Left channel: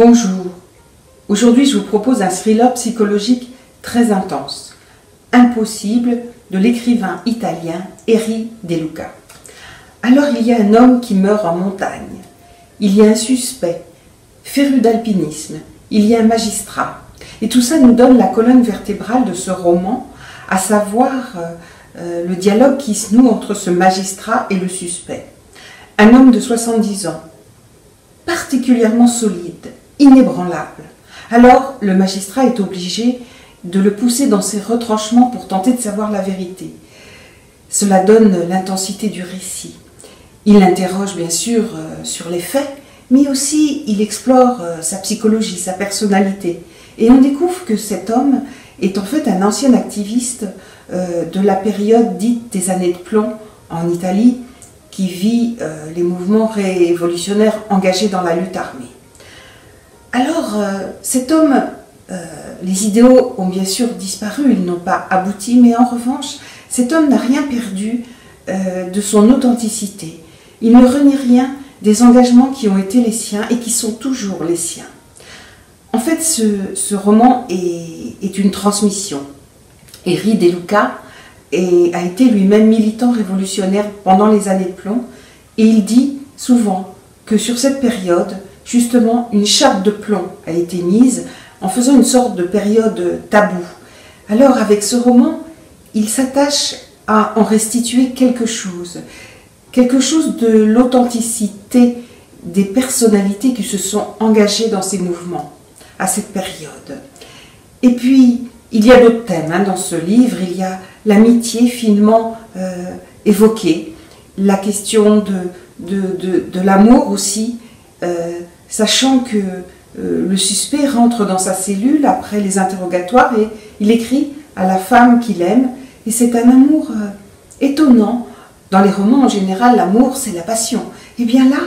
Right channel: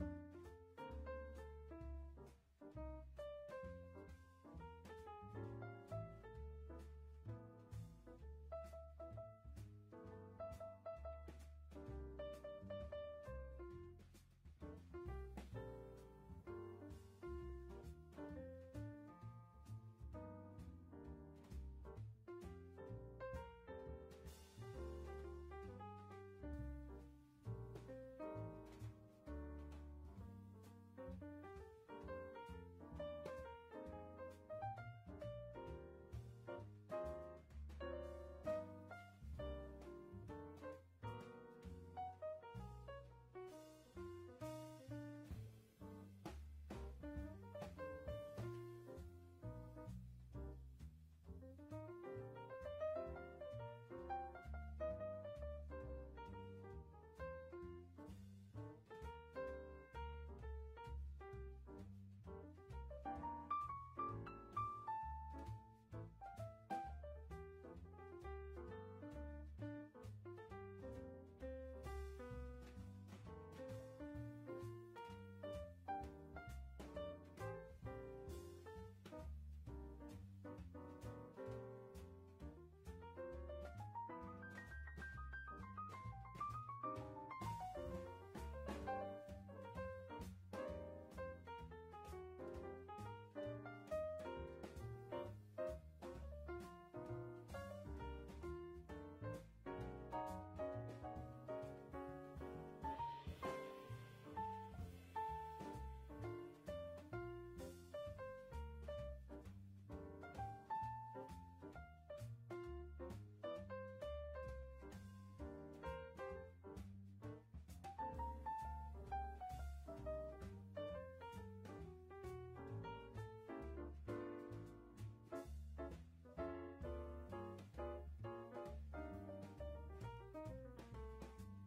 Bonjour, aujourd'hui je vous propose un thriller psychologique très intense, Impossible de l'écrivain italien Erri De Luca. Alors il y a un homme qui meurt en montagne, il y a un suspect, féru d'alpinisme, il y a un magistrat. Et tout ça nous donne la colonne vertébrale de ce roman, à savoir le dialogue qui se noue entre ce magistrat et le suspect. Un homme de 70 ans, particulièrement solide, inébranlable. Alors le magistrat est obligé de le pousser dans ses retranchements pour tenter de savoir la vérité. Cela donne l'intensité du récit. Il l'interroge bien sûr sur les faits, mais aussi il explore sa psychologie, sa personnalité. Et on découvre que cet homme est en fait un ancien activiste de la période dite des années de plomb en Italie, qui vit les mouvements révolutionnaires engagés dans la lutte armée. Alors, cet homme, les idéaux ont bien sûr disparu, ils n'ont pas abouti, mais en revanche, cet homme n'a rien perdu de son authenticité. Il ne renie rien des engagements qui ont été les siens et qui sont toujours les siens. En fait, ce roman est une transmission. Erri De Luca a été lui-même militant révolutionnaire pendant les années de plomb, et il dit souvent que sur cette période, justement, une chape de plomb a été mise en faisant une sorte de période taboue. Alors, avec ce roman, il s'attache à en restituer quelque chose de l'authenticité des personnalités qui se sont engagées dans ces mouvements à cette période. Et puis, il y a d'autres thèmes dans ce livre. Il y a l'amitié finement évoquée, la question de l'amour aussi, sachant que le suspect rentre dans sa cellule après les interrogatoires et il écrit à la femme qu'il aime. Et c'est un amour étonnant. Dans les romans, en général, l'amour, c'est la passion. Et bien là,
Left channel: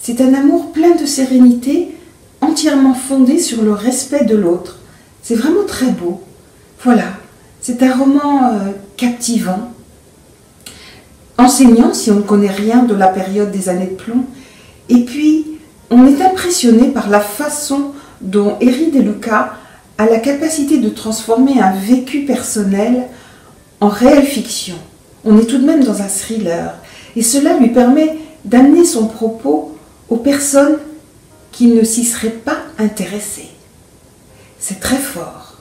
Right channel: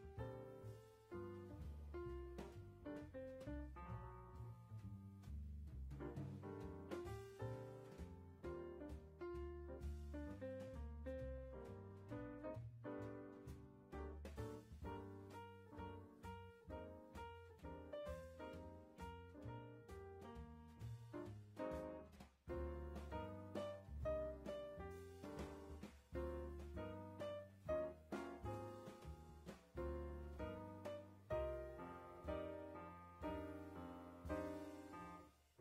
c'est un amour plein de sérénité, entièrement fondé sur le respect de l'autre. C'est vraiment très beau. Voilà, c'est un roman captivant, enseignant si on ne connaît rien de la période des années de plomb. Et puis, on est impressionné par la façon dont Erri De Luca a la capacité de transformer un vécu personnel en réelle fiction. On est tout de même dans un thriller. Et cela lui permet d'amener son propos aux personnes qui ne s'y seraient pas intéressées. C'est très fort.